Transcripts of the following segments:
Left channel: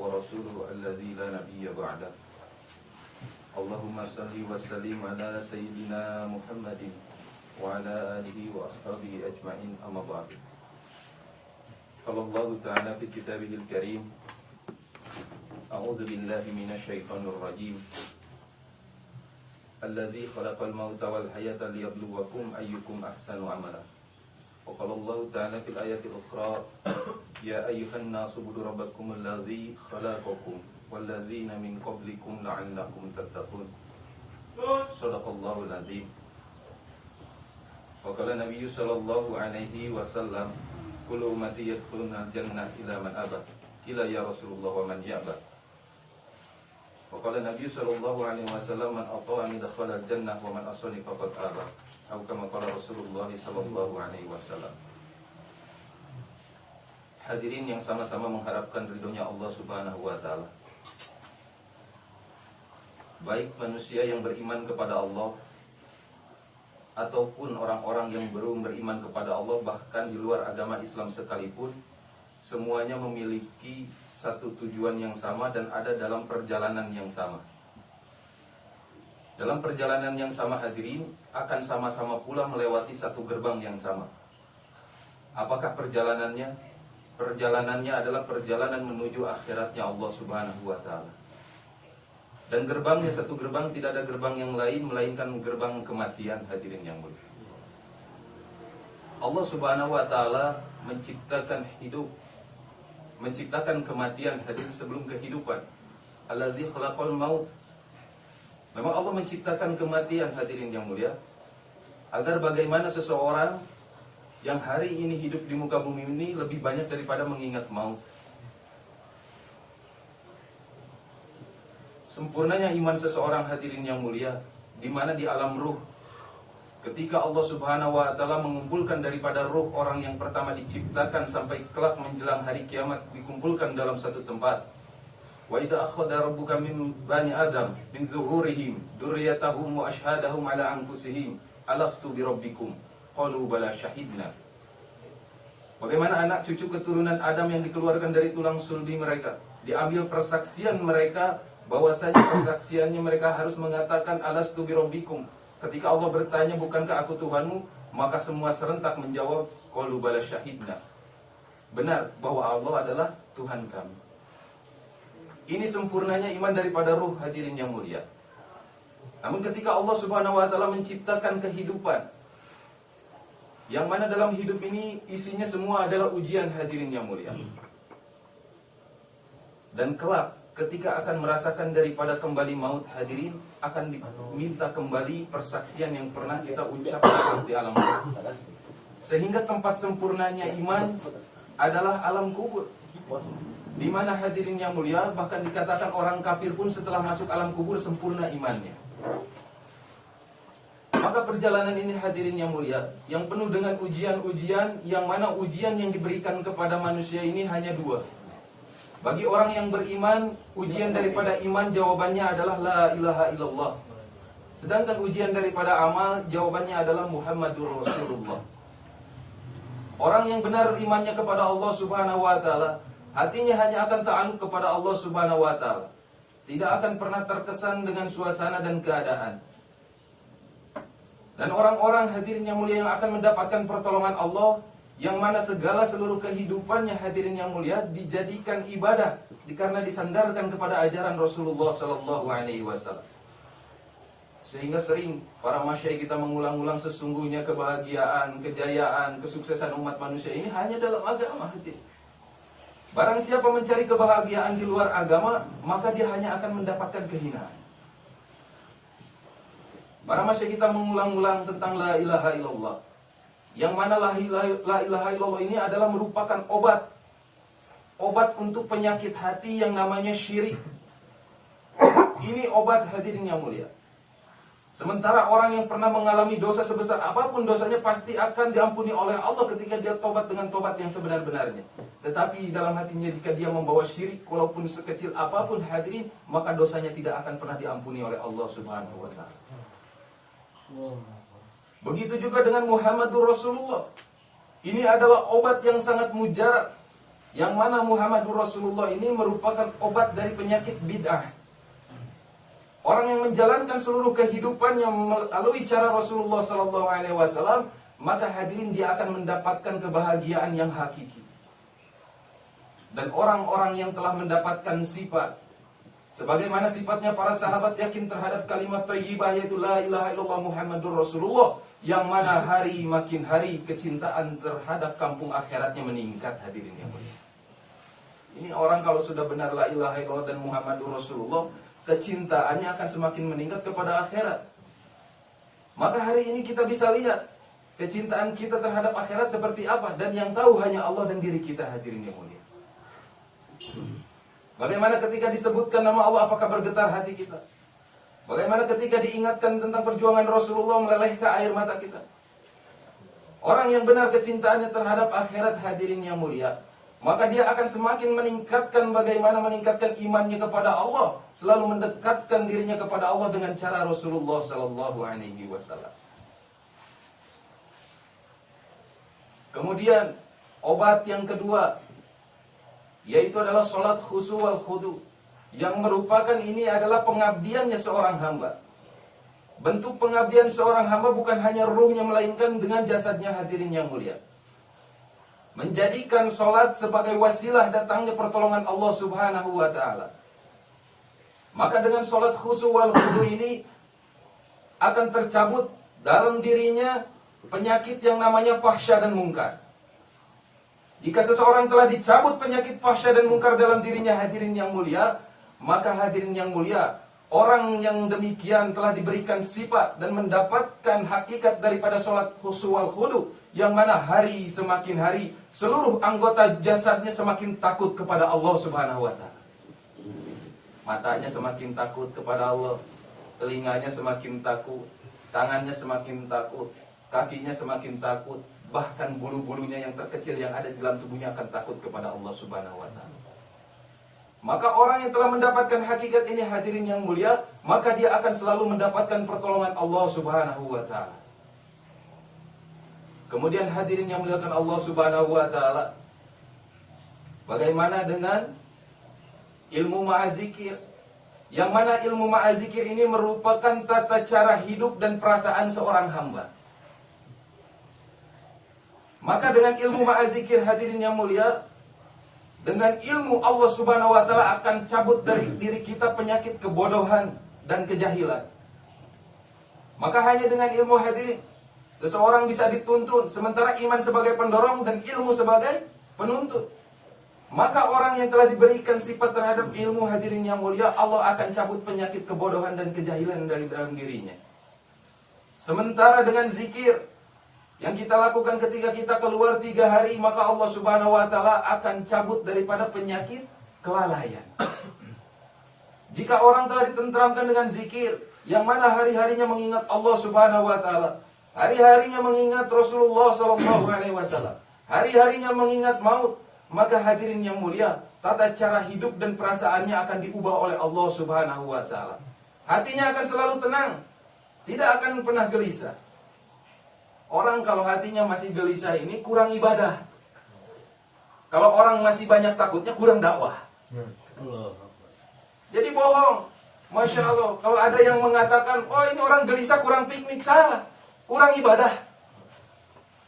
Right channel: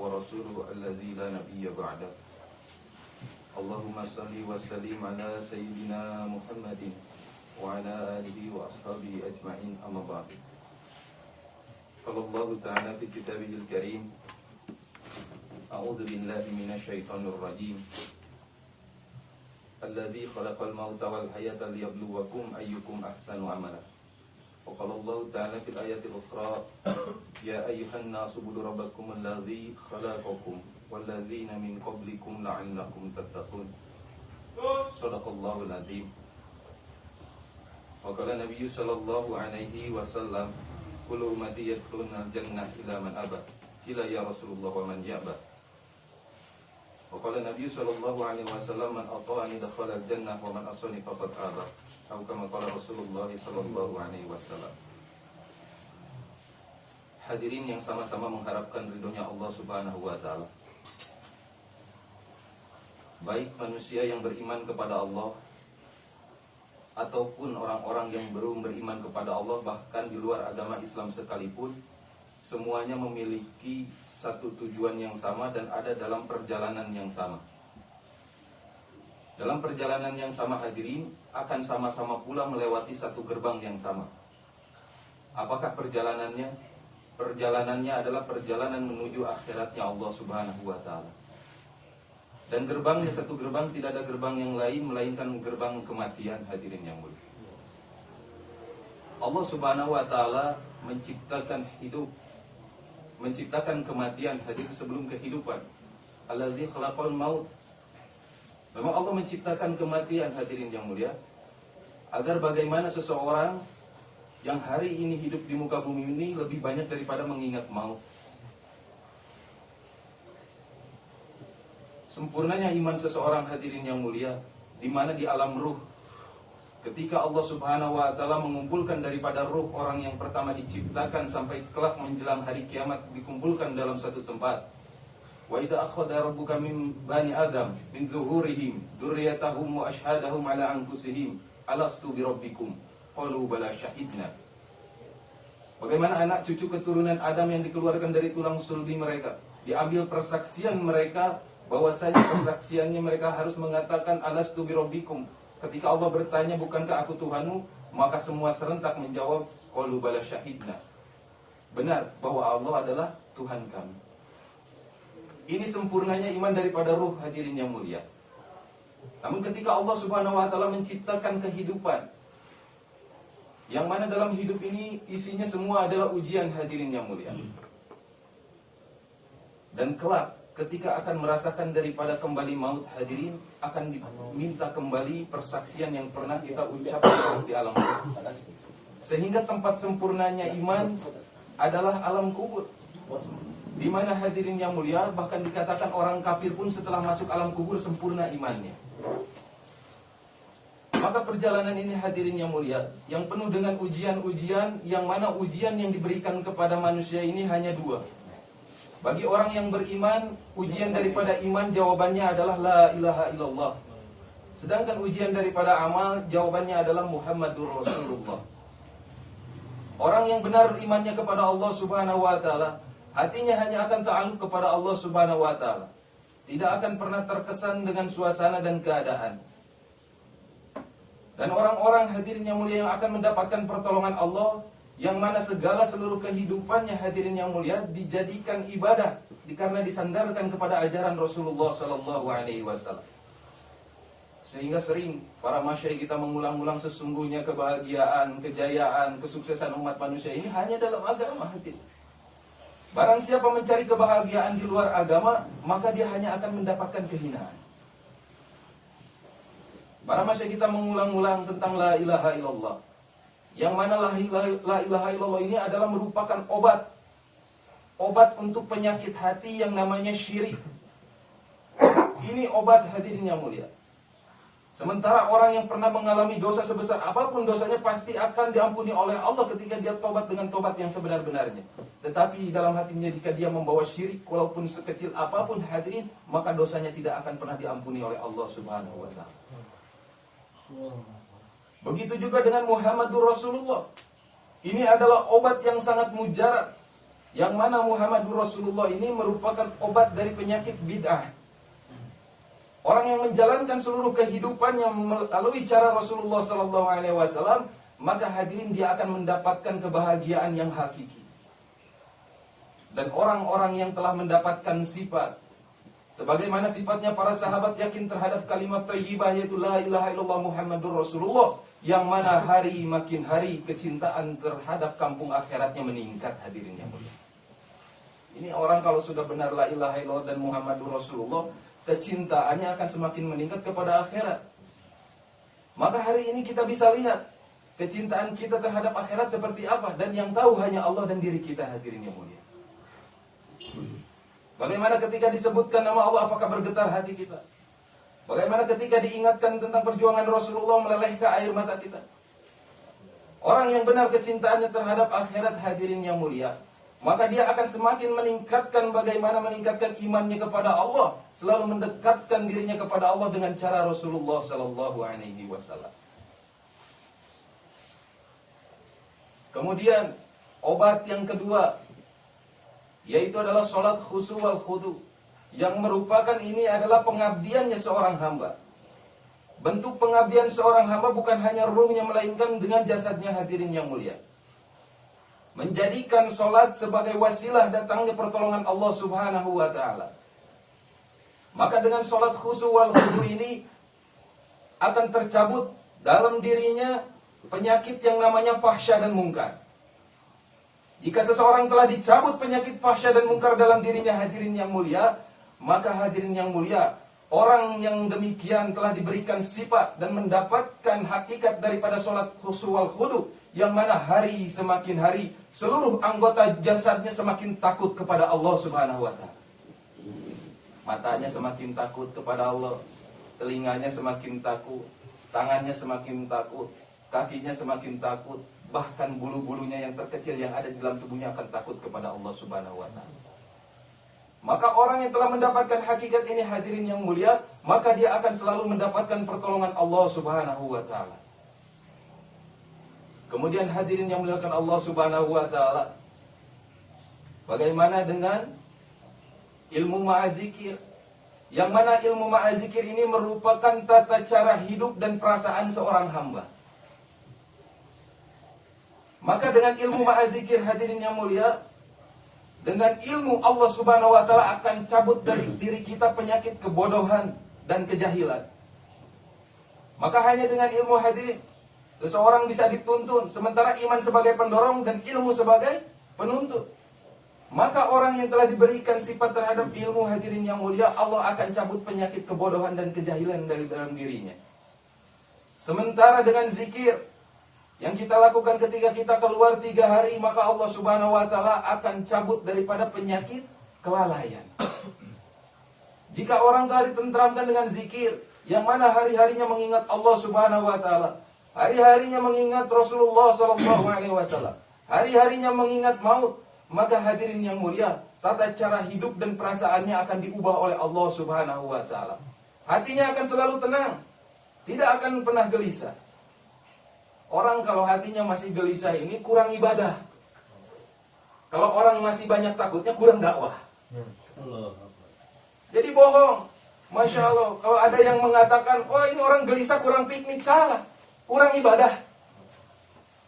ورسوله الذي لا نبي بعده. اللهم صل وسلم على سيدنا محمد وعلى آله وأصحابه أجمعين. أما بعد. قال الله تعالى في كتابه الكريم: أعوذ بالله من الشيطان الرجيم الذي خلق الموت والحياة ليبلوكم أيكم أحسن عملا. وقال الله تعالى في الآية الأخرى: يا أيها الناس اعبدوا ربكم الذي خلقكم والذين من قبلكم لعلكم تتقون. صدق الله العظيم. وقال النبي صلى الله عليه وسلم: كل أمتي يدخلون الجنة إلا من أبى. قيل يا رسول الله ومن يأبى؟ وقال النبي صلى الله عليه وسلم: من أطاعني دخل الجنة ومن عصاني فقد أبى. Atau kama qala Rasulullah sallallahu alaihi wasallam. Hadirin yang sama-sama mengharapkan ridhonya Allah Subhanahu wa taala. Baik manusia yang beriman kepada Allah ataupun orang-orang yang belum beriman kepada Allah, bahkan di luar agama Islam sekalipun, semuanya memiliki satu tujuan yang sama dan ada dalam perjalanan yang sama. Dalam perjalanan yang sama, hadirin, akan sama-sama pula melewati satu gerbang yang sama. Apakah perjalanannya? Perjalanannya adalah perjalanan menuju akhiratnya Allah Subhanahu wa ta'ala. Dan gerbangnya satu gerbang, tidak ada gerbang yang lain melainkan gerbang kematian, hadirin yang mulia. Allah Subhanahu wa ta'ala menciptakan hidup, menciptakan kematian, hadirin, sebelum kehidupan. Alladzi khalaqal maut. Memang Allah menciptakan kematian, hadirin yang mulia, agar bagaimana seseorang yang hari ini hidup di muka bumi ini lebih banyak daripada mengingat maut. Sempurnanya iman seseorang, hadirin yang mulia, di mana di alam ruh, ketika Allah Subhanahu wa ta'ala mengumpulkan daripada ruh orang yang pertama diciptakan sampai kelak menjelang hari kiamat dikumpulkan dalam satu tempat. Wa idza akhadha rabbuka min bani Adam min zuhurihim dzurriyyatahum wa ashhadahum ala anfusihim alastu bi rabbikum qalu bala syahidna. Bagaimana anak cucu keturunan Adam yang dikeluarkan dari tulang sulbi mereka, diambil persaksian mereka, bahwasanya persaksiannya mereka harus mengatakan alastu bi rabbikum. Ketika Allah bertanya, bukankah aku Tuhanmu? Maka semua serentak menjawab qalu bala syahidna. Benar bahwa Allah adalah Tuhan kami. Ini sempurnanya iman daripada ruh, hadirin yang mulia. Namun ketika Allah Subhanahu wa ta'ala menciptakan kehidupan, yang mana dalam hidup ini isinya semua adalah ujian, hadirin yang mulia. Dan kelak ketika akan merasakan daripada kembali maut, hadirin, akan diminta kembali persaksian yang pernah kita ucapkan di alam kubur. Sehingga tempat sempurnanya iman adalah alam kubur, di mana, hadirin yang mulia, bahkan dikatakan orang kafir pun setelah masuk alam kubur sempurna imannya. Maka perjalanan ini, hadirin yang mulia, yang penuh dengan ujian-ujian, yang mana ujian yang diberikan kepada manusia ini hanya dua. Bagi orang yang beriman, ujian daripada iman jawabannya adalah la ilaha illallah. Sedangkan ujian daripada amal jawabannya adalah Muhammadur Rasulullah. Orang yang benar imannya kepada Allah Subhanahu wa ta'ala, hatinya hanya akan ta'alluq kepada Allah Subhanahu wa ta'ala. Tidak akan pernah terkesan dengan suasana dan keadaan. Dan orang-orang, hadirin yang mulia, yang akan mendapatkan pertolongan Allah, yang mana segala seluruh kehidupannya, hadirin yang mulia, dijadikan ibadah karena disandarkan kepada ajaran Rasulullah sallallahu alaihi wasallam. Sehingga sering para masyayikh kita mengulang-ulang, sesungguhnya kebahagiaan, kejayaan, kesuksesan umat manusia ini hanya dalam agama, hadirin. Barang siapa mencari kebahagiaan di luar agama, maka dia hanya akan mendapatkan kehinaan. Para masyayikh kita mengulang-ulang tentang la ilaha illallah, yang mana la ilaha illallah ini adalah merupakan obat untuk penyakit hati yang namanya syirik. Ini obat, hadirin yang mulia. Sementara orang yang pernah mengalami dosa sebesar apapun dosanya pasti akan diampuni oleh Allah ketika dia tobat dengan tobat yang sebenar-benarnya. Tetapi dalam hatinya jika dia membawa syirik walaupun sekecil apapun, hadirin, maka dosanya tidak akan pernah diampuni oleh Allah Subhanahu wa ta'ala. Begitu juga dengan Muhammadur Rasulullah. Ini adalah obat yang sangat mujarab. yang mana Muhammadur Rasulullah ini merupakan obat dari penyakit bid'ah. Orang yang menjalankan seluruh kehidupannya melalui cara Rasulullah SAW, maka hadirin dia akan mendapatkan kebahagiaan yang hakiki. Dan orang-orang yang telah mendapatkan sifat sebagaimana sifatnya para sahabat yakin terhadap kalimat thayyibah, yaitu la ilaha illallah Muhammadur Rasulullah, yang mana hari makin hari kecintaan terhadap kampung akhiratnya meningkat, hadirin yang mulia. Ini orang kalau sudah benar la ilaha illallah dan Muhammadur Rasulullah, kecintaannya akan semakin meningkat kepada akhirat. Maka hari ini kita bisa lihat kecintaan kita terhadap akhirat seperti apa, dan yang tahu hanya Allah dan diri kita, hadirin yang mulia. Bagaimana ketika disebutkan nama Allah, apakah bergetar hati kita? Bagaimana ketika diingatkan tentang perjuangan Rasulullah, melelehkah air mata kita? Orang yang benar kecintaannya terhadap akhirat, hadirin yang mulia, maka dia akan semakin meningkatkan bagaimana meningkatkan imannya kepada Allah, selalu mendekatkan dirinya kepada Allah dengan cara Rasulullah SAW. Kemudian obat yang kedua, yaitu adalah sholat khusu wal khudu, yang merupakan ini adalah pengabdiannya seorang hamba. Bentuk pengabdian seorang hamba bukan hanya ruhnya, melainkan dengan jasadnya, hadirin yang mulia. Menjadikan sholat sebagai wasilah datangnya pertolongan Allah Subhanahu wa ta'ala. Maka dengan sholat khusu wal khudu ini akan tercabut dalam dirinya penyakit yang namanya fahsya dan mungkar. Jika seseorang telah dicabut penyakit fahsya dan mungkar dalam dirinya, hadirin yang mulia, maka hadirin yang mulia, orang yang demikian telah diberikan sifat dan mendapatkan hakikat daripada sholat khusu wal khudu, yang mana hari semakin hari seluruh anggota jasadnya semakin takut kepada Allah Subhanahu wa ta'ala. Matanya semakin takut kepada Allah, telinganya semakin takut, tangannya semakin takut, kakinya semakin takut, bahkan bulu-bulunya yang terkecil yang ada di dalam tubuhnya akan takut kepada Allah Subhanahu wa ta'ala. Maka orang yang telah mendapatkan hakikat ini, hadirin yang mulia, maka dia akan selalu mendapatkan pertolongan Allah Subhanahu wa ta'ala. Kemudian hadirin yang muliakan Allah Subhanahu wa ta'ala, bagaimana dengan ilmu ma'azikir, yang mana ilmu ma'azikir ini merupakan tata cara hidup dan perasaan seorang hamba. Maka dengan ilmu ma'azikir, hadirin yang mulia, dengan ilmu Allah Subhanahu wa ta'ala akan cabut dari diri kita penyakit kebodohan dan kejahilan. Maka hanya dengan ilmu, hadirin, seseorang bisa dituntun, sementara iman sebagai pendorong dan ilmu sebagai penuntut. Maka orang yang telah diberikan sifat terhadap ilmu, hadirin yang mulia, Allah akan cabut penyakit kebodohan dan kejahilan dari dalam dirinya. Sementara dengan zikir yang kita lakukan ketika kita keluar 3 hari, maka Allah Subhanahu wa ta'ala akan cabut daripada penyakit kelalaian. Jika orang telah ditentramkan dengan zikir, yang mana hari-harinya mengingat Allah Subhanahu wa ta'ala, hari-harinya mengingat Rasulullah SAW, hari-harinya mengingat maut, maka hadirin yang mulia, tata cara hidup dan perasaannya akan diubah oleh Allah Subhanahu wa ta'ala. Hatinya akan selalu tenang, tidak akan pernah gelisah. Orang kalau hatinya masih gelisah ini kurang ibadah. Kalau orang masih banyak takutnya kurang dakwah. Jadi bohong. Masya Allah. Kalau ada yang mengatakan, oh ini orang gelisah kurang piknik, salah. Kurang ibadah.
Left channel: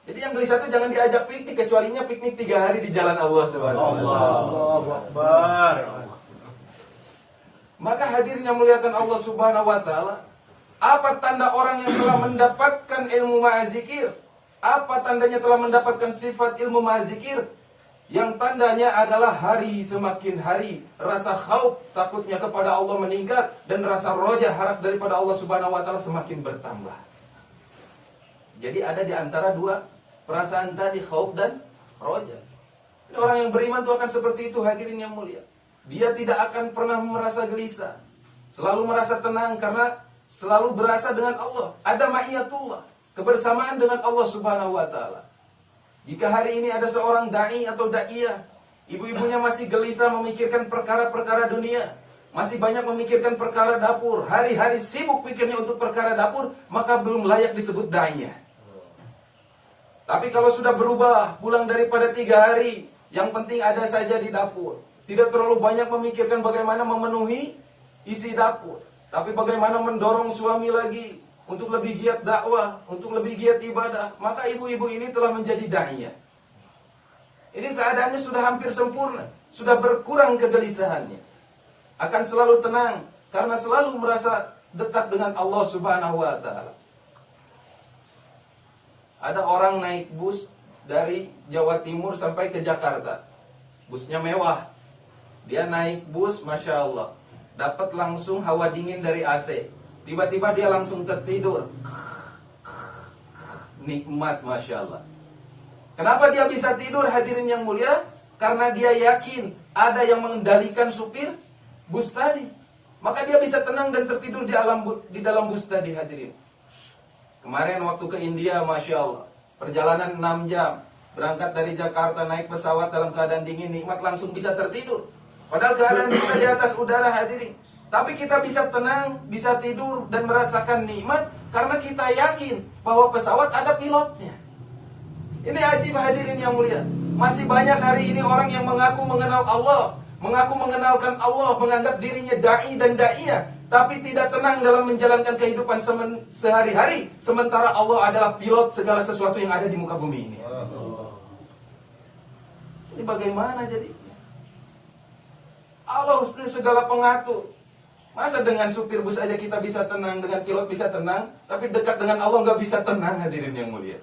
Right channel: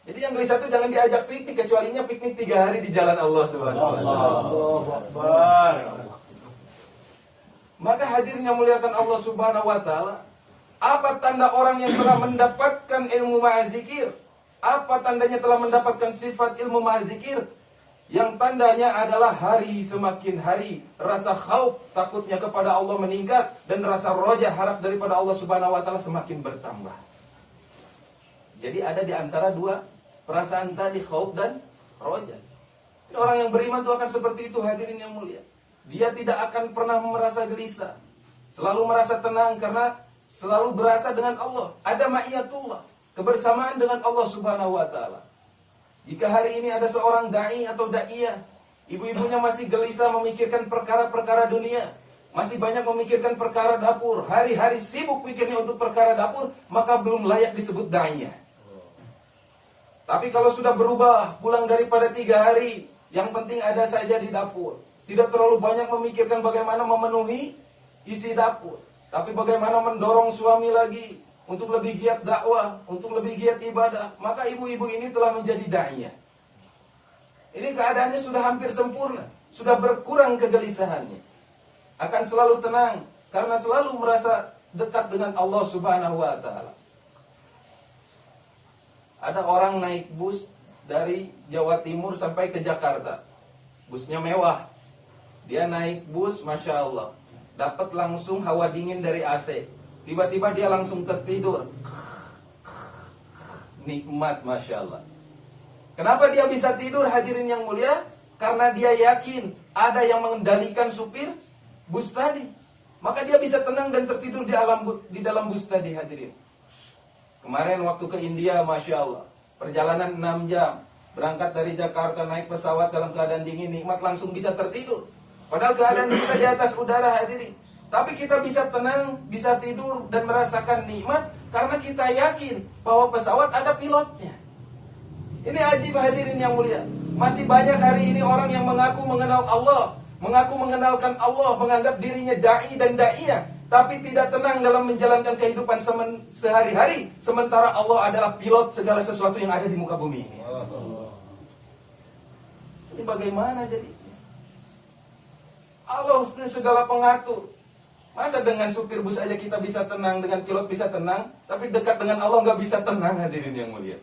Jadi yang gelisah itu jangan diajak piknik, kecualinya piknik 3 hari di jalan Allah Subhanahu wa ta'ala. Maka hadirin yang muliakan Allah Subhanahu wa ta'ala, apa tanda orang yang telah mendapatkan ilmu ma'azikir? Apa tandanya telah mendapatkan sifat ilmu ma'azikir? Yang tandanya adalah hari semakin hari rasa khauf, takutnya kepada Allah meningkat, dan rasa roja, harap daripada Allah Subhanahu wa ta'ala semakin bertambah. Jadi ada di antara 2 perasaan tadi, khauf dan roja. Orang yang beriman itu akan seperti itu, hadirin yang mulia. Dia tidak akan pernah merasa gelisah, selalu merasa tenang karena selalu berasa dengan Allah. Ada ma'iyatullah, kebersamaan dengan Allah Subhanahu wa ta'ala. Jika hari ini ada seorang da'i atau da'iyah, ibu-ibunya masih gelisah memikirkan perkara-perkara dunia, masih banyak memikirkan perkara dapur, hari-hari sibuk pikirnya untuk perkara dapur, maka belum layak disebut da'iyah. Tapi kalau sudah berubah, pulang daripada 3 hari Yang penting ada saja di dapur. Tidak terlalu banyak memikirkan bagaimana memenuhi isi dapur, tapi bagaimana mendorong suami lagi untuk lebih giat dakwah, untuk lebih giat ibadah. Maka ibu-ibu ini telah menjadi da'iyah. Ini keadaannya sudah hampir sempurna, sudah berkurang kegelisahannya. Akan selalu tenang karena selalu merasa dekat dengan Allah Subhanahu wa taala. Ada orang naik bus dari Jawa Timur sampai ke Jakarta. Busnya mewah. Dia naik bus, Masya Allah, dapat langsung hawa dingin dari AC. Tiba-tiba dia langsung tertidur. Nikmat, Masya Allah. Kenapa dia bisa tidur, hadirin yang mulia? Karena dia yakin ada yang mengendalikan supir bus tadi. Maka dia bisa tenang dan tertidur di dalam bus tadi, hadirin. Kemarin waktu ke India, Masya Allah, perjalanan 6 jam. Berangkat dari Jakarta, naik pesawat dalam keadaan dingin, nikmat, langsung bisa tertidur. Padahal keadaan kita di atas udara, hadirin. Tapi kita bisa tenang, bisa tidur dan merasakan nikmat karena kita yakin bahwa pesawat ada pilotnya. Ini ajib, hadirin yang mulia. Masih banyak hari ini orang yang mengaku mengenal Allah, mengaku mengenalkan Allah, menganggap dirinya da'i dan da'iyah, tapi tidak tenang dalam menjalankan kehidupan sehari-hari, sementara Allah adalah pilot segala sesuatu yang ada di muka bumi ini. Ini bagaimana jadi? Allah segala pengatur. Masa dengan supir bus aja kita bisa tenang, dengan pilot bisa tenang, tapi dekat dengan Allah nggak bisa tenang, hadirin yang mulia.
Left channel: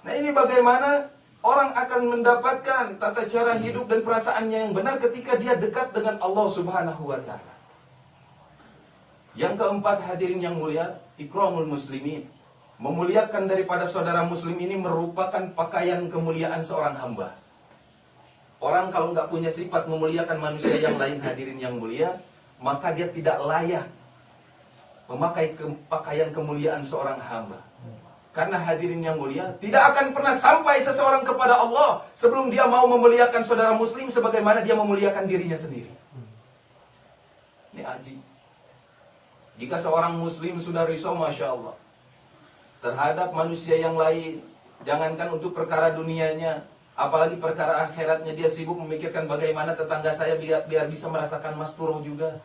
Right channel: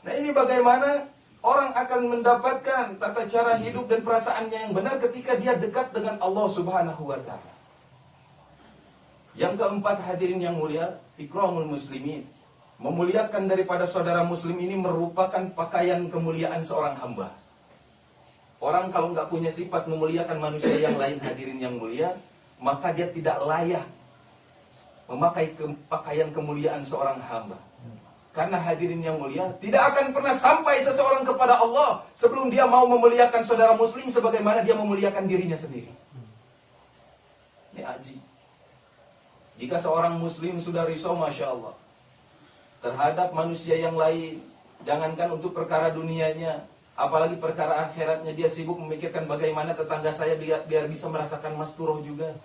Nah, ini bagaimana orang akan mendapatkan tata cara hidup dan perasaannya yang benar ketika dia dekat dengan Allah Subhanahu wa taala. Yang keempat, hadirin yang mulia, ikramul muslimin. Memuliakan daripada saudara muslim ini merupakan pakaian kemuliaan seorang hamba. Orang kalau nggak punya sifat memuliakan manusia yang lain, hadirin yang mulia, maka dia tidak layak memakai pakaian kemuliaan seorang hamba. Karena hadirin yang mulia, tidak akan pernah sampai seseorang kepada Allah sebelum dia mau memuliakan saudara muslim sebagaimana dia memuliakan dirinya sendiri. Ini ajib. Jika seorang muslim sudah risau, Masya Allah, terhadap manusia yang lain, jangankan untuk perkara dunianya, apalagi perkara akhiratnya, dia sibuk memikirkan bagaimana tetangga saya biar bisa merasakan masturoh juga.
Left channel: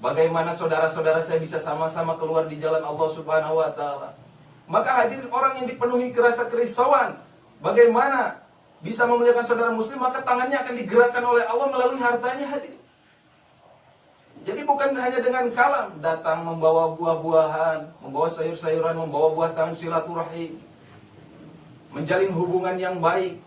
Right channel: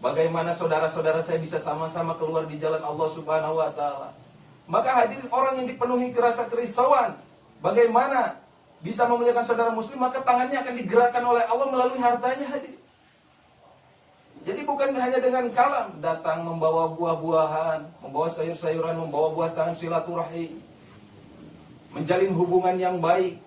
Bagaimana saudara-saudara saya bisa sama-sama keluar di jalan Allah Subhanahu wa taala. Maka hadirin, orang yang dipenuhi rasa kerisauan bagaimana bisa memuliakan saudara muslim, maka tangannya akan digerakkan oleh Allah melalui hartanya, hadirin. Jadi bukan hanya dengan kalam, datang membawa buah-buahan, membawa sayur-sayuran, membawa buah tangan, silaturahim, menjalin hubungan yang baik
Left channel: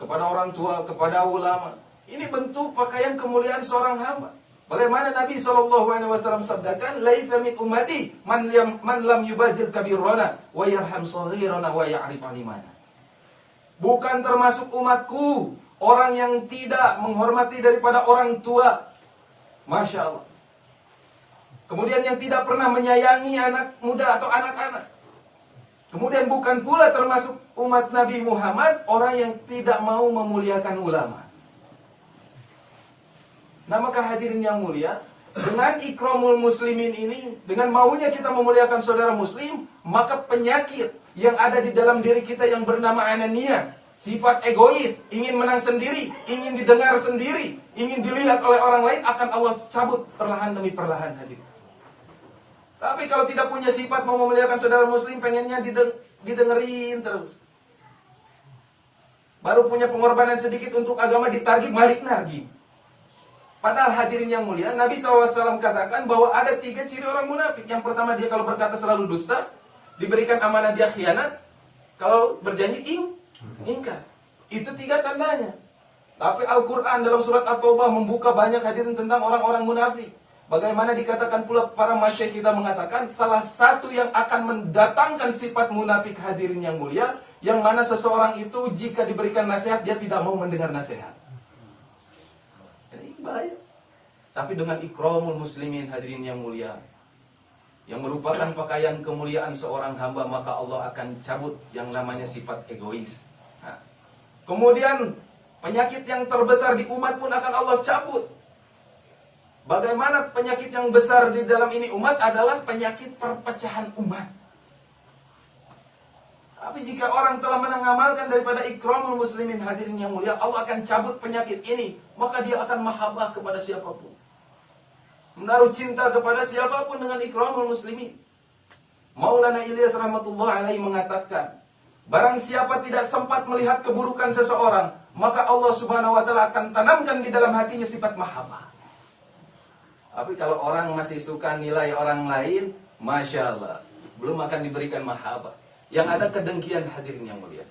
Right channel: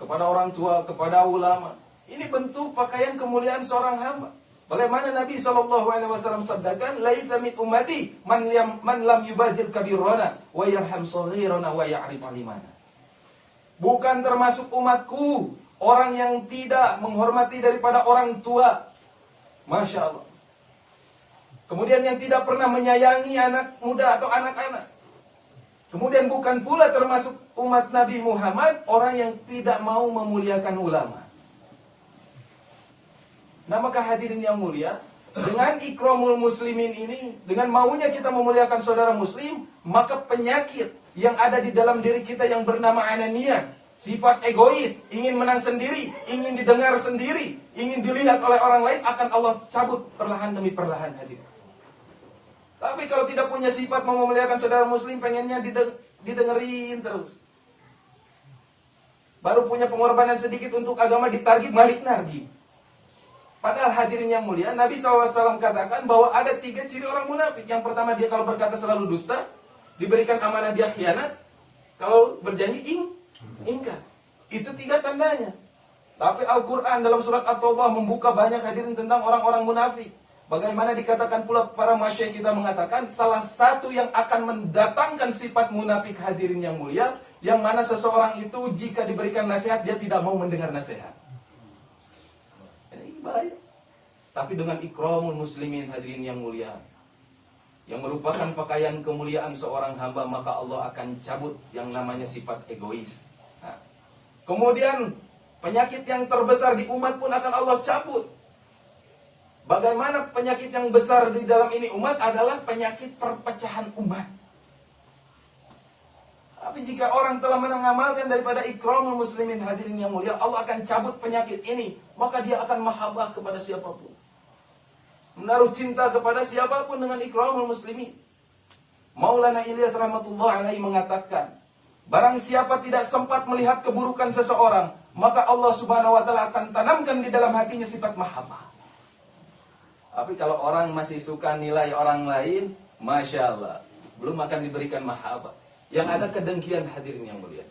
kepada orang tua, kepada ulama. Ini bentuk pakaian kemuliaan seorang hamba. Bagaimana Nabi SAW sabdakan, laisa min ummati man lam yubajil kabirona wa yarham saghirana wa ya'rif alimana. Bukan termasuk umatku orang yang tidak menghormati daripada orang tua. Masya Allah. Kemudian yang tidak pernah menyayangi anak muda atau anak-anak. Kemudian bukan pula termasuk umat Nabi Muhammad orang yang tidak mau memuliakan ulama. Nah, maka hadirin yang mulia, dengan ikramul muslimin ini, dengan maunya kita memuliakan saudara muslim, maka penyakit yang ada di dalam diri kita yang bernama anania, sifat egois, ingin menang sendiri, ingin didengar sendiri, ingin dilihat oleh orang lain, akan Allah cabut perlahan demi perlahan, hadirin. Tapi kalau tidak punya sifat mau memuliakan saudara muslim, pengennya didengerin terus. Baru punya pengorbanan sedikit untuk agama, ditargib, balik nargib. Padahal hadirin yang mulia, Nabi SAW katakan bahwa ada 3 ciri orang munafik. Yang pertama, dia kalau berkata selalu dusta, diberikan amanah dia khianat, kalau berjanji ingkar. Itu 3 tandanya. Tapi Al-Quran dalam surat At-Taubah membuka banyak hadirin tentang orang-orang munafik. Bagaimana dikatakan pula para masyayikh kita mengatakan, salah satu yang akan mendatangkan sifat munafik, hadirin yang mulia, yang mana seseorang itu jika diberikan nasihat, dia tidak mau mendengar nasihat. Ini bahaya. Tapi dengan ikramul muslimin, hadirin yang mulia, yang merupakan pakaian kemuliaan seorang hamba, maka Allah akan cabut yang namanya sifat egois. Nah, kemudian penyakit yang terbesar di umat pun akan Allah cabut. Bagaimana penyakit yang besar di dalam ini umat adalah penyakit perpecahan umat. Tapi jika orang telah mengamalkan daripada ikramul muslimin, hadirin yang mulia, Allah akan cabut penyakit ini. Maka dia akan mahabbah kepada siapapun, menaruh cinta kepada siapapun dengan ikramul muslimin. Maulana Ilyas rahmatullah alaihi mengatakan, barang siapa tidak sempat melihat keburukan seseorang, maka Allah subhanahu wa ta'ala akan tanamkan di dalam hatinya sifat mahabbah. Tapi kalau orang masih suka nilai orang lain, Masya Allah, belum akan diberikan mahabbah. Yang ada kedengkian, hadirin yang mulia.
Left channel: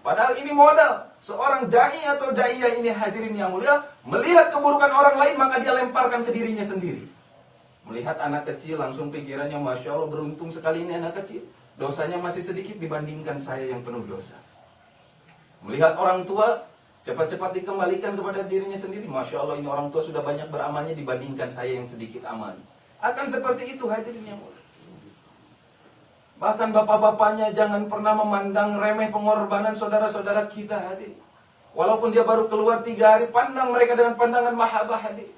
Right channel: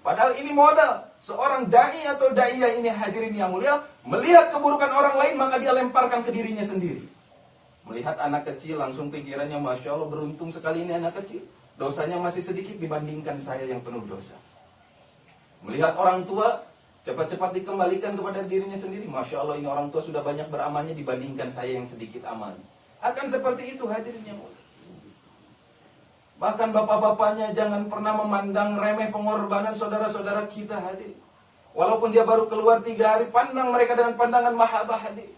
Padahal ini modal. Seorang da'i atau da'iyah ini, hadirin yang mulia, melihat keburukan orang lain, maka dia lemparkan ke dirinya sendiri. Melihat anak kecil, langsung pikirannya, Masya Allah, beruntung sekali ini anak kecil. Dosanya masih sedikit dibandingkan saya yang penuh dosa. Melihat orang tua, cepat-cepat dikembalikan kepada dirinya sendiri. Masya Allah, ini orang tua sudah banyak beramalnya dibandingkan saya yang sedikit amal. Akan seperti itu, hadirin yang mulia. Bahkan bapak-bapaknya jangan pernah memandang remeh pengorbanan saudara-saudara kita, hadirin. Walaupun dia baru keluar 3 hari, pandang mereka dengan pandangan mahabbah, hadirin.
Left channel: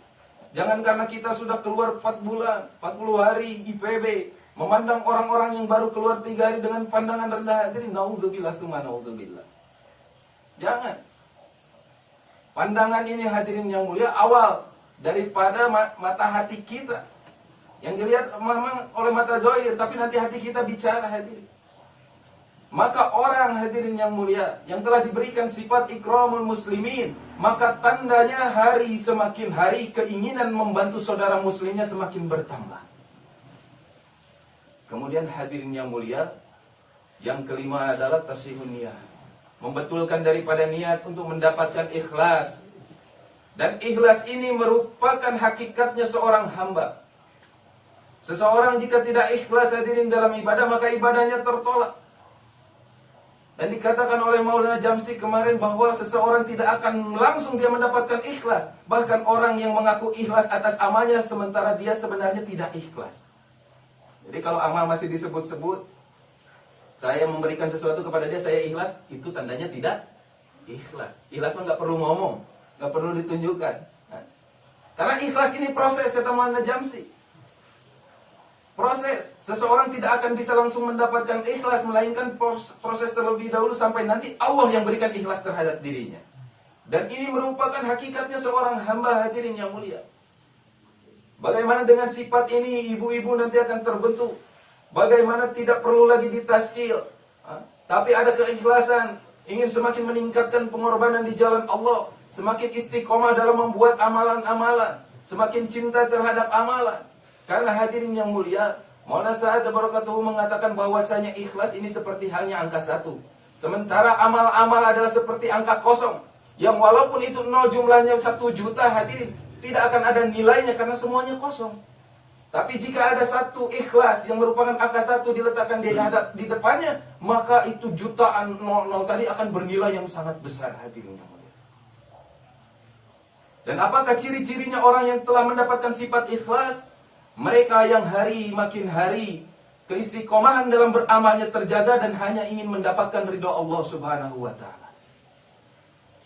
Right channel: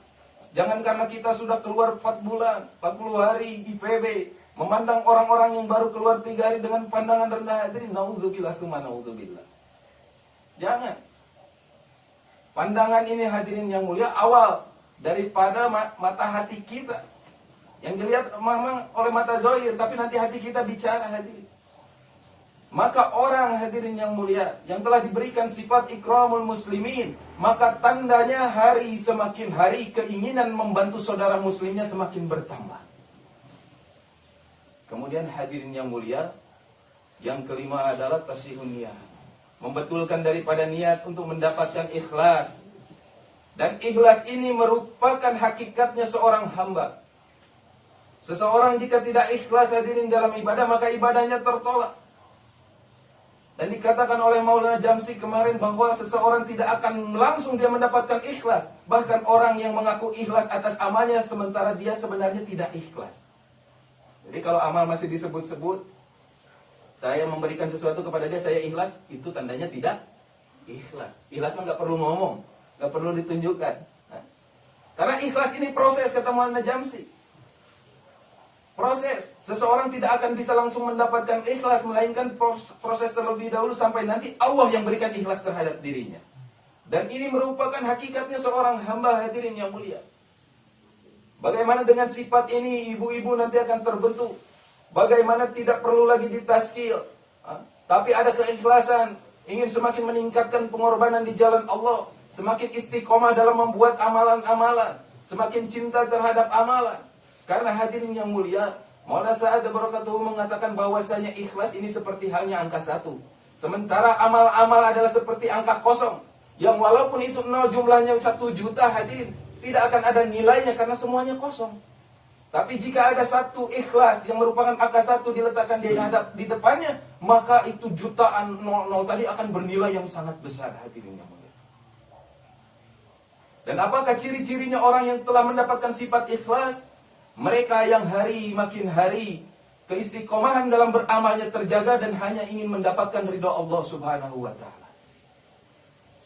Jangan karena kita sudah keluar 4 bulan, 40 hari IPB, memandang orang-orang yang baru keluar 3 hari dengan pandangan rendah, hadirin. Naudzubillah summa naudzubillah. Jangan. Pandangan ini, hadirin yang mulia, awal daripada mata hati kita. Yang dilihat memang oleh mata zahir, tapi nanti hati kita bicara, hadirin. Maka orang, hadirin yang mulia, yang telah diberikan sifat ikramul muslimin, maka tandanya hari semakin hari keinginan membantu saudara muslimnya semakin bertambah. Kemudian, hadirin yang mulia, yang kelima adalah tasihun niyah. Membetulkan daripada niat untuk mendapatkan ikhlas. Dan ikhlas ini merupakan hakikatnya seorang hamba. Seseorang jika tidak ikhlas, hadirin, dalam ibadah, maka ibadahnya tertolak. Dan dikatakan oleh Maulana Jamsi kemarin bahwa seseorang tidak akan langsung dia mendapatkan ikhlas. Bahkan orang yang mengaku ikhlas atas amalnya, sementara dia sebenarnya tidak ikhlas. Jadi kalau amal masih disebut-sebut, saya memberikan sesuatu kepada dia, saya ikhlas, itu tandanya tidak ikhlas. Ikhlas mah nggak perlu ngomong, nggak perlu ditunjukkan. Nah, karena ikhlas ini proses, kata Maulana Jamsi. Proses. Seseorang tidak akan bisa langsung mendapatkan ikhlas, melainkan proses terlebih dahulu sampai nanti Allah yang berikan ikhlas terhadap dirinya. Dan ini merupakan hakikatnya seorang hamba, hadirin yang mulia. Bagaimana dengan sifat ini, ibu-ibu nanti akan terbentuk. Bagaimana tidak perlu lagi ditaskil, tapi ada keikhlasan, ingin semakin meningkatkan pengorbanan di jalan Allah, semakin istiqomah dalam membuat amalan-amalan, semakin cinta terhadap amalan. Karena hadirin yang mulia, Maulana Sa'ad Barakatuhu mengatakan bahwasanya ikhlas ini seperti halnya angka 1. Sementara amal-amal adalah seperti angka kosong, yang walaupun itu 0 jumlahnya 1 juta, hadirin, tidak akan ada nilainya karena semuanya kosong. Tapi jika ada 1 ikhlas yang merupakan angka 1 diletakkan di depannya, maka itu jutaan 00 tadi akan bernilai yang sangat besar, hadirin yang mulia. Dan apakah ciri-cirinya orang yang telah mendapatkan sifat ikhlas? Mereka yang hari makin hari keistiqomahan dalam beramalnya terjaga dan hanya ingin mendapatkan ridha Allah subhanahu wa ta'ala.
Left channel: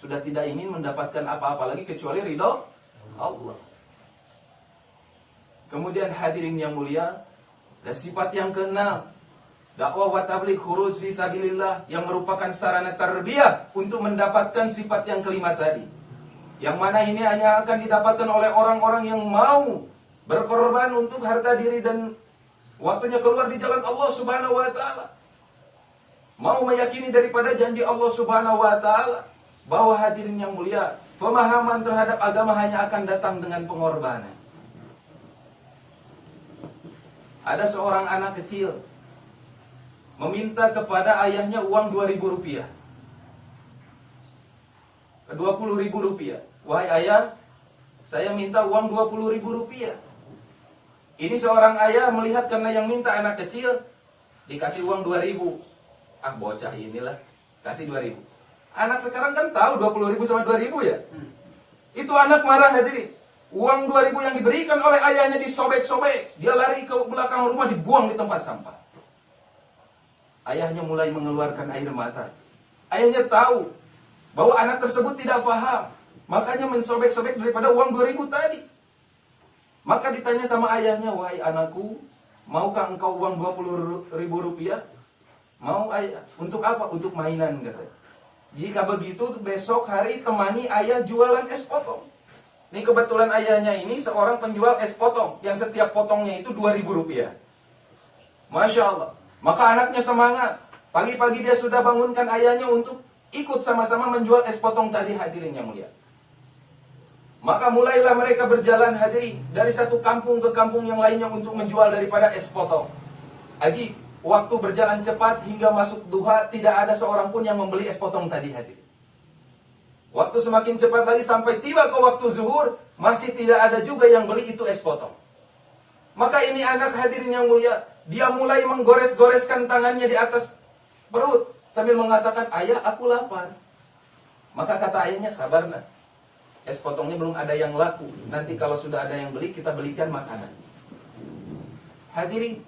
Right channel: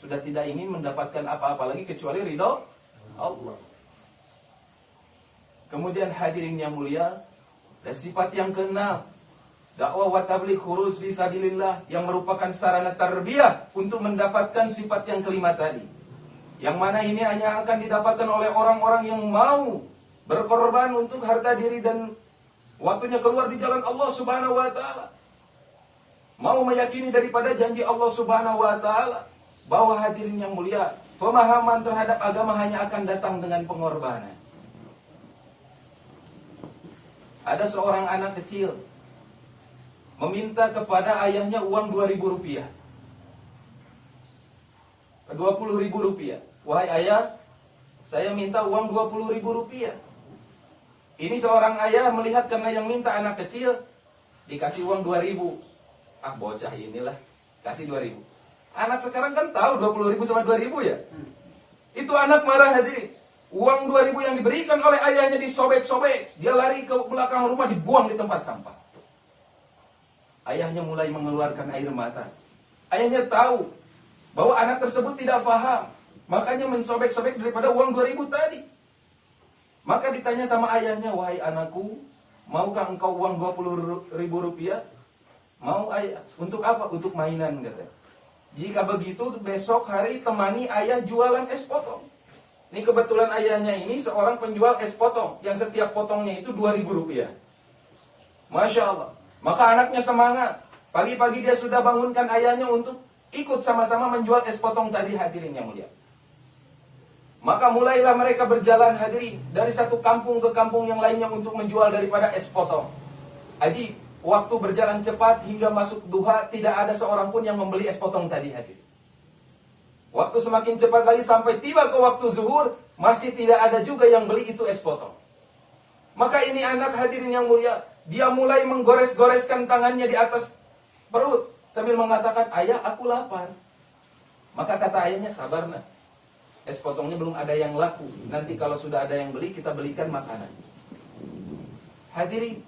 Sudah tidak ingin mendapatkan apa-apa lagi kecuali ridha Allah. Kemudian hadirin yang mulia, dan sifat yang keenam, dakwah wa tabligh khuruj fi sabilillah, yang merupakan sarana tarbiyah untuk mendapatkan sifat yang kelima tadi. Yang mana ini hanya akan didapatkan oleh orang-orang yang mau berkorban untuk harta diri dan waktunya keluar di jalan Allah subhanahu wa ta'ala. Mau meyakini daripada janji Allah subhanahu wa ta'ala, bahwa hadirin yang mulia, pemahaman terhadap agama hanya akan datang dengan pengorbanan. Ada seorang anak kecil meminta kepada ayahnya uang 2.000 rupiah, 20.000 rupiah. Wahai ayah, saya minta uang 20.000 rupiah. Ini seorang ayah melihat karena yang minta anak kecil, dikasih uang 2.000. Ah, bocah inilah, kasih 2.000. Anak sekarang kan tahu 20.000 sama 2.000 ya. Itu anak marah, hadirin. Uang 2.000 yang diberikan oleh ayahnya disobek-sobek. Dia lari ke belakang rumah, dibuang di tempat sampah. Ayahnya mulai mengeluarkan air mata. Ayahnya tahu bahwa anak tersebut tidak paham, makanya mensobek-sobek daripada uang 2.000 tadi. Maka ditanya sama ayahnya, wahai anakku, maukah engkau uang 20.000 rupiah? Mau ayah. Untuk apa? Untuk mainan katanya. Jika begitu besok hari temani ayah jualan es potong. Ini kebetulan ayahnya ini seorang penjual es potong yang setiap potongnya itu 2.000 rupiah. Masya Allah. Maka anaknya semangat. Pagi-pagi dia sudah bangunkan ayahnya untuk ikut sama-sama menjual es potong tadi, hadirin yang mulia. Maka mulailah mereka berjalan, hadirin, dari satu kampung ke kampung yang lainnya untuk menjual daripada es potong. Aji, waktu berjalan cepat hingga masuk duha, tidak ada seorang pun yang membeli es potong tadi, hadirin. Waktu semakin cepat lagi sampai tiba ke waktu zuhur, masih tidak ada juga yang beli itu es potong. Maka ini anak, hadirin yang mulia, dia mulai menggores-goreskan tangannya di atas perut sambil mengatakan, ayah aku lapar. Maka kata ayahnya, sabar nak, es potongnya belum ada yang laku. Nanti kalau sudah ada yang beli, kita belikan makanan. Hadirin,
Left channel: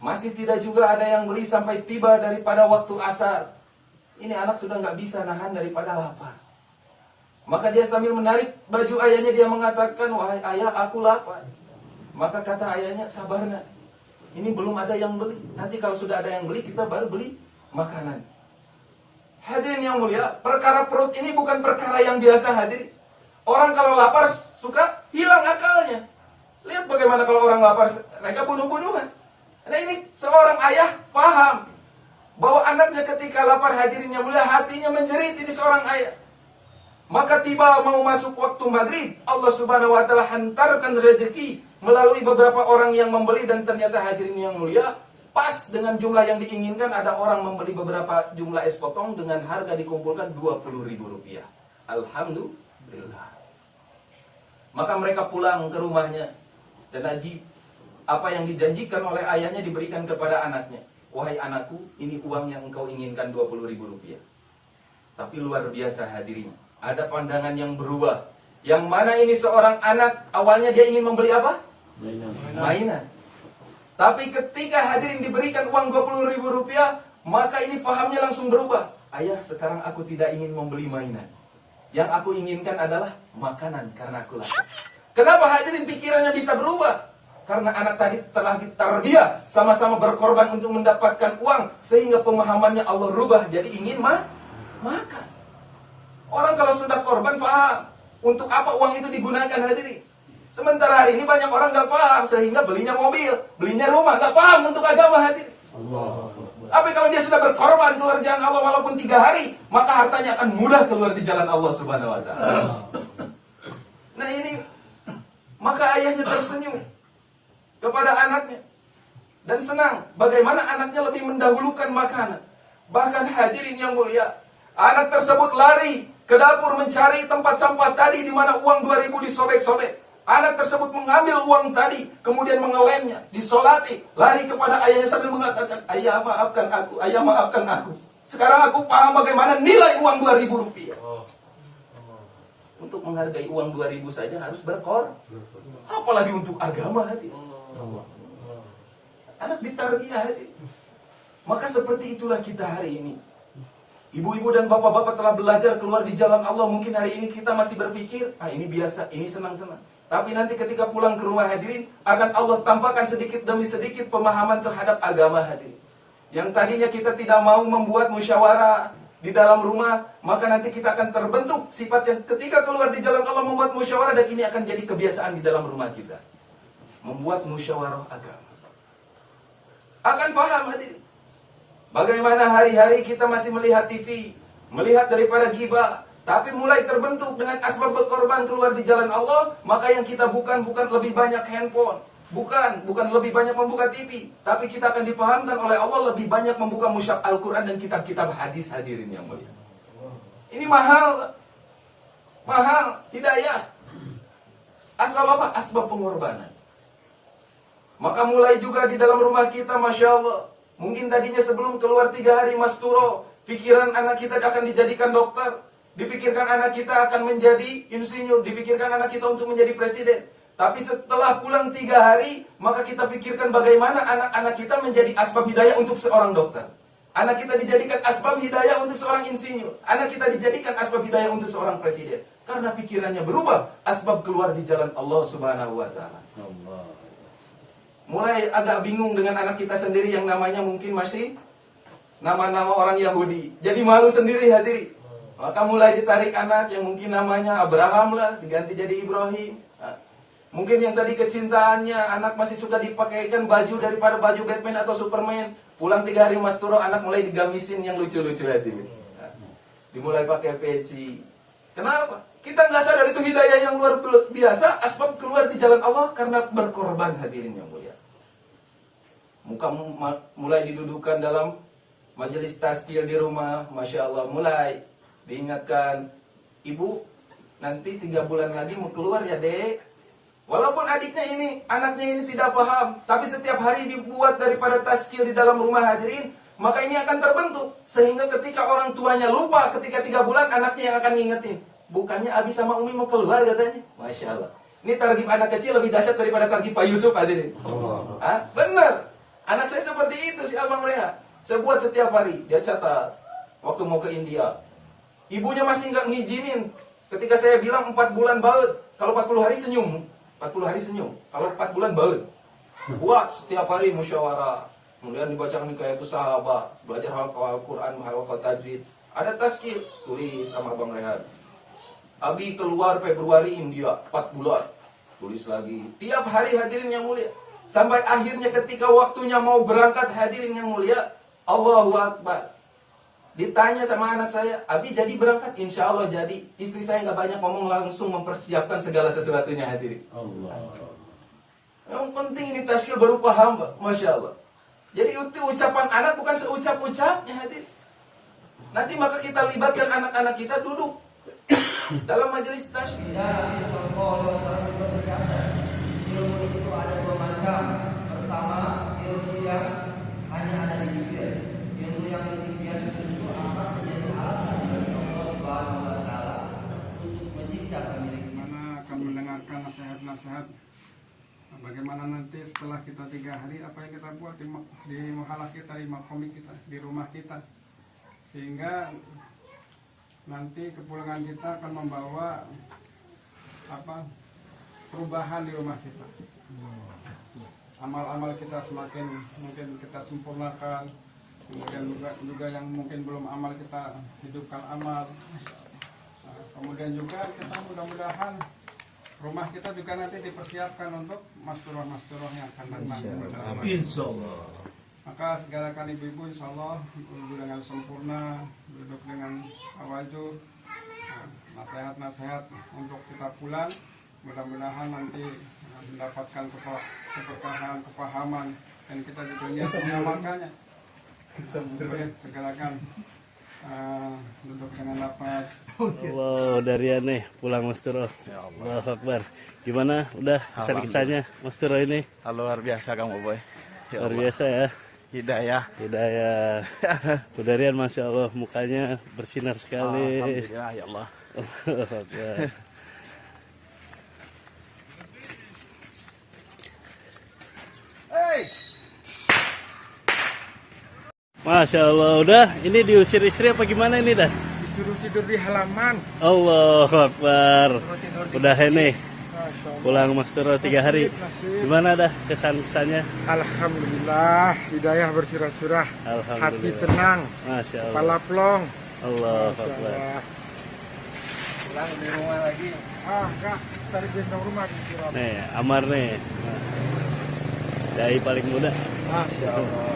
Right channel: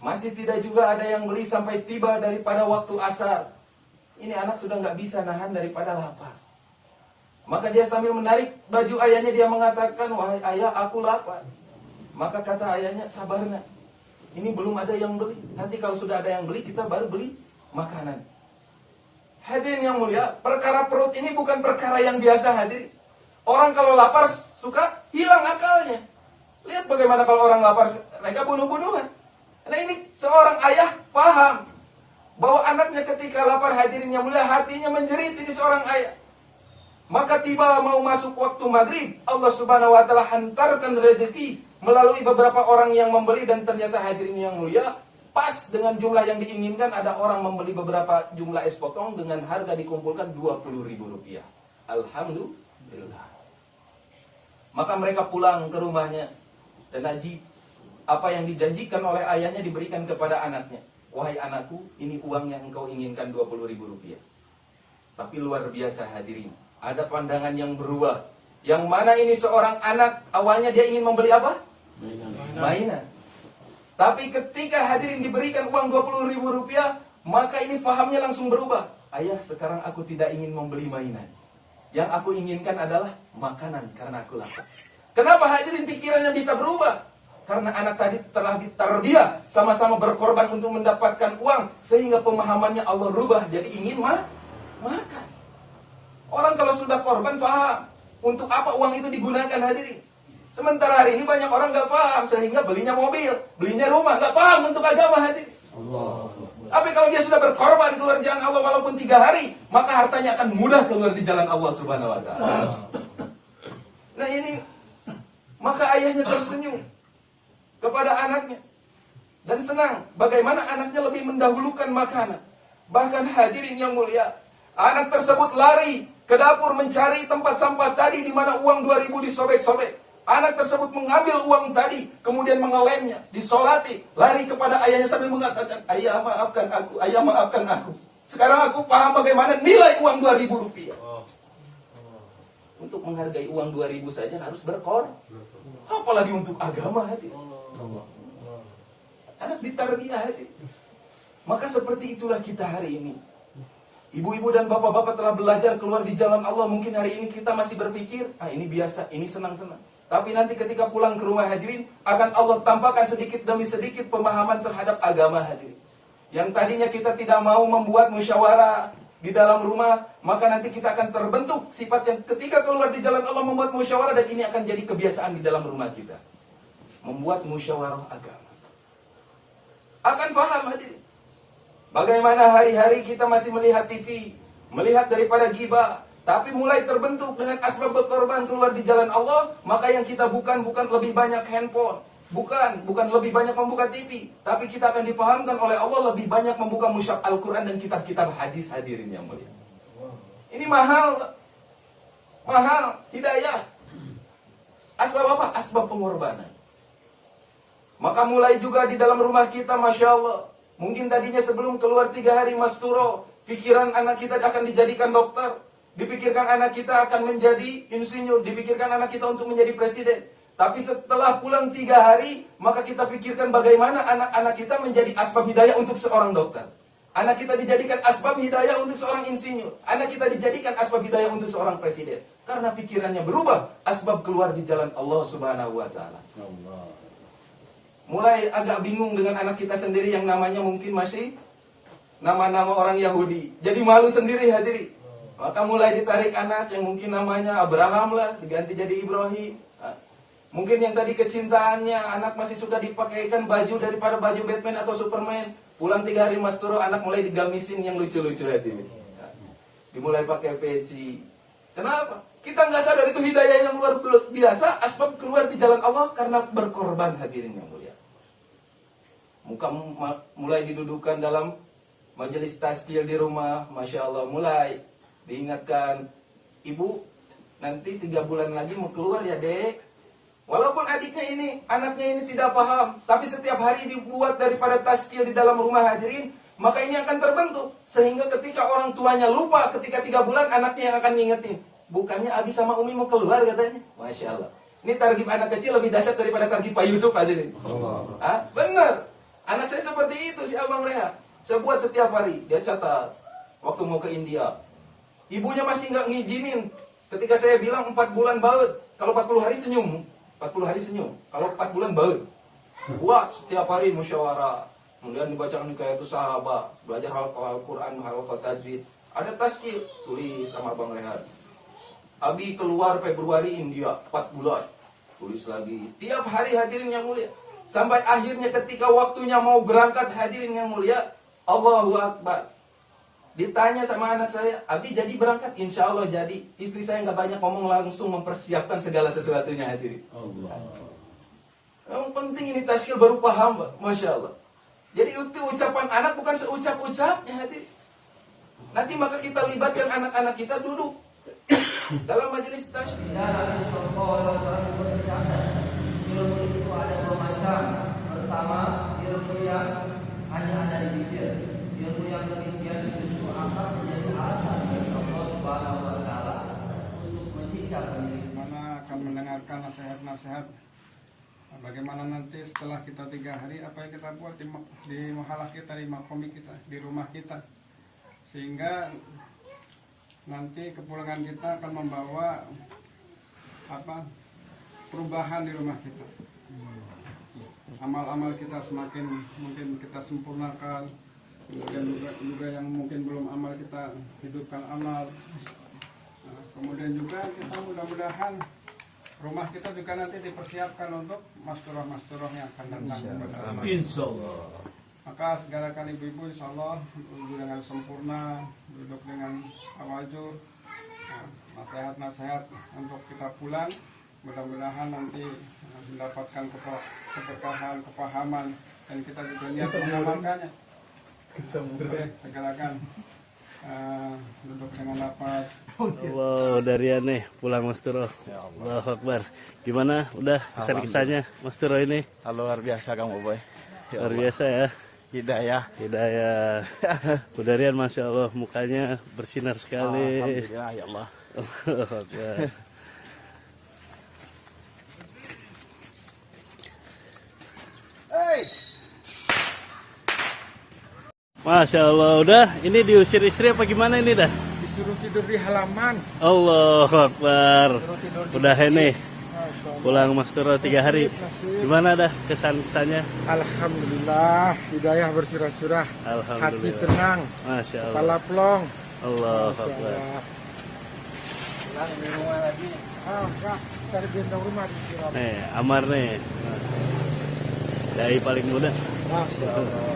masih tidak juga ada yang beli sampai tiba daripada waktu asar. Ini anak sudah nggak bisa nahan daripada lapar. Maka dia sambil menarik baju ayahnya, dia mengatakan, wahai ayah aku lapar. Maka kata ayahnya, sabar nak, ini belum ada yang beli. Nanti kalau sudah ada yang beli, kita baru beli makanan. Hadirin yang mulia, perkara perut ini bukan perkara yang biasa, hadirin. Orang kalau lapar suka hilang akalnya. Lihat bagaimana kalau orang lapar, mereka bunuh-bunuhan. Nah ini seorang ayah paham bahwa anaknya ketika lapar, hadirin yang mulia, hatinya menjerit ini seorang ayah. Maka tiba mau masuk waktu maghrib, Allah subhanahu wa ta'ala hantarkan rezeki melalui beberapa orang yang membeli, dan ternyata hadirin yang mulia, pas dengan jumlah yang diinginkan, ada orang membeli beberapa jumlah es potong dengan harga dikumpulkan 20.000 rupiah. Alhamdulillah. Maka mereka pulang ke rumahnya, dan ajib, apa yang dijanjikan oleh ayahnya diberikan kepada anaknya. Wahai anakku, ini uang yang engkau inginkan 20.000 rupiah. Tapi luar biasa, hadirin, ada pandangan yang berubah. Yang mana ini seorang anak, awalnya dia ingin membeli apa? Mainan. Tapi ketika hadirin diberikan uang 20.000 rupiah, maka ini pahamnya langsung berubah. Ayah, sekarang aku tidak ingin membeli mainan. Yang aku inginkan adalah makanan, karena aku lapar. Kenapa hadirin pikirannya bisa berubah? Karena anak tadi telah ditarbiyah, sama-sama berkorban untuk mendapatkan uang, sehingga pemahamannya Allah rubah jadi ingin makan. Orang kalau sudah korban paham untuk apa uang itu digunakan, hadirin. Sementara hari ini banyak orang gak paham, sehingga belinya mobil, belinya rumah, gak paham untuk agama, hadirin. Tapi kalau dia sudah berkorban keluar jalan Allah walaupun 3 hari, maka hartanya akan mudah keluar di jalan Allah subhanahu wa ta'ala. Nah ini, maka ayahnya tersenyum kepada anaknya dan senang bagaimana anaknya lebih mendahulukan makanan. Bahkan hadirin yang mulia, anak tersebut lari ke dapur mencari tempat sampah tadi di mana uang 2.000 disobek-sobek. Anak tersebut mengambil uang tadi, kemudian mengelemnya, disolati, lari kepada ayahnya sambil mengatakan, ayah maafkan aku, ayah maafkan aku. Sekarang aku paham bagaimana nilai uang 2.000 rupiah. Untuk menghargai uang 2.000 saja harus berkorban. Apalagi untuk agama, hati. Anak ditarbiyah, hati. Maka seperti itulah kita hari ini. Ibu-ibu dan bapak-bapak telah belajar keluar di jalan Allah. Mungkin hari ini kita masih berpikir, ini biasa, ini senang-senang. Tapi nanti ketika pulang ke rumah, hadirin, akan Allah tampakkan sedikit demi sedikit pemahaman terhadap agama, hadirin. Yang tadinya kita tidak mau membuat musyawarah di dalam rumah, maka nanti kita akan terbentuk sifat yang ketika keluar di jalan Allah membuat musyawarah, dan ini akan jadi kebiasaan di dalam rumah kita. Membuat musyawarah agama. Akan paham, hadirin. Bagaimana hari-hari kita masih melihat TV, melihat daripada ghibah, tapi mulai terbentuk dengan asbab berkorban keluar di jalan Allah, maka yang kita bukan lebih banyak handphone, bukan lebih banyak membuka TV, tapi kita akan dipahamkan oleh Allah lebih banyak membuka mushaf Al-Quran dan kitab-kitab hadis, hadirin yang mulia. Ini mahal hidayah. Asbab apa? Asbab pengorbanan. Maka mulai juga di dalam rumah kita, Masya Allah, mungkin tadinya sebelum keluar 3 hari masturo, pikiran anak kita akan dijadikan dokter, dipikirkan anak kita akan menjadi insinyur, dipikirkan anak kita untuk menjadi presiden. Tapi setelah pulang 3 hari, maka kita pikirkan bagaimana anak-anak kita menjadi asbab hidayah untuk seorang dokter. Anak kita dijadikan asbab hidayah untuk seorang insinyur. Anak kita dijadikan asbab hidayah untuk seorang presiden. Karena pikirannya berubah, asbab keluar di jalan Allah subhanahu wa ta'ala. Mulai agak bingung dengan anak kita sendiri yang namanya mungkin masih nama-nama orang Yahudi. Jadi malu sendiri hadirin. Maka mulai ditarik anak yang mungkin namanya Abraham lah, diganti jadi Ibrahim. Mungkin yang tadi kecintaannya, anak masih suka dipakaikan baju daripada baju Batman atau Superman. Pulang 3 hari Mas Turo, anak mulai digamisin yang lucu-lucu hadirin. Dimulai pakai peci. Kenapa? Kita nggak sadar itu hidayah yang luar biasa. Asbab keluar di jalan Allah karena berkorban hadirin yang mulia. Muka mulai didudukan dalam majelis tazkir di rumah. Masya Allah, mulai diingatkan, ibu nanti 3 bulan lagi mau keluar ya dek. Walaupun anaknya ini tidak paham, tapi setiap hari dibuat daripada tazkir di dalam rumah hadirin, maka ini akan terbentuk. Sehingga ketika orang tuanya lupa, ketika 3 bulan anaknya yang akan ngingetin. Bukannya Abi sama Umi mau keluar katanya. Masya Allah. Ini targib anak kecil lebih dahsyat daripada targib Pak Yusuf hadirin. Benar. Anak saya seperti itu si Abang Reha. Saya buat setiap hari. Dia catat waktu mau ke India. Ibunya masih nggak ngizinin. Ketika saya bilang 4 bulan baut. Kalau 40 hari senyum. 40 hari senyum. Kalau 4 bulan baut. Buat setiap hari musyawarah. Kemudian dibacakan kayak itu sahabat. Belajar Al-Quran, halaqah tajwid. Ada tazkir. Tulis sama Abang Rehat. Abi keluar Februari India. 4 bulan. Tulis lagi. Tiap hari hadirin yang mulia. Sampai akhirnya ketika waktunya mau berangkat hadirin yang mulia. Allahu Akbar. Ditanya sama anak saya, Abi jadi berangkat? Insya Allah jadi. Istri saya nggak banyak ngomong, langsung mempersiapkan segala sesuatunya hadirin. Allah. Yang penting ini tazkir berupa hamba, Masya Allah. Jadi itu ucapan anak bukan seucap-ucapnya hadirin. Nanti maka kita libatkan anak-anak kita duduk dalam majelis tazkir. Ilmu itu ada 2 macam. Pertama, ilmu yang hanya ada di bibir. Ilmu yang demikian itu akan menjadi alasan bagi Allah Subhanahu wa taala untuk menyiksa pemilik. Mana akan mendengarkan nasihat-nasihat bagaimana nanti setelah kita 3 hari apa yang kita buat di mahalah kita, di makomik kita, di rumah kita, sehingga nanti kepulangan kita akan membawa perubahan di rumah kita. Amal-amal kita semakin mungkin kita sempurnakan. Kemudian juga yang mungkin belum amal kita hidupkan amal. Kemudian juga kita mudah-mudahan rumah kita juga nanti dipersiapkan untuk masturah-masturah yang akan datang. Insya Allah. Maka segerakan ibu-ibu insya Allah duduk dengan sempurna, duduk dengan tawajud, nasihat-nasihat untuk kita pulang. Mudah-mudahan nanti mendapatkan keberkahan, kepahaman, dan kita juga niat mengamalkannya. Segerakan duduk dengan lapar. Allah, dari aneh pulang Mas Turo. Ya Allah. Allahu Akbar. Gimana? Udah kesan-kesannya Mas Turo ini? Luar biasa kamu boy. Ya luar biasa ya. Hidayah. Udarian Masya Allah, mukanya bersinar sekali. Alhamdulillah ya Allah. Allahu Akbar. Masya Allah, udah ini diusir istri apa gimana ini dah? Disuruh tidur di halaman. Allahu Akbar. Udah ini pulang Mas Turo 3 hari. Gimana dah kesan-kesannya? Alhamdulillah, hidayah bersirah-surah. Hati tenang. Masya Allah. Kepala plong. Allahu Akbar. Pulang di rumah lagi. Enggak, cari gendong rumah di Surabaya. Nih, Amar nih. Dai paling muda. Masya Allah.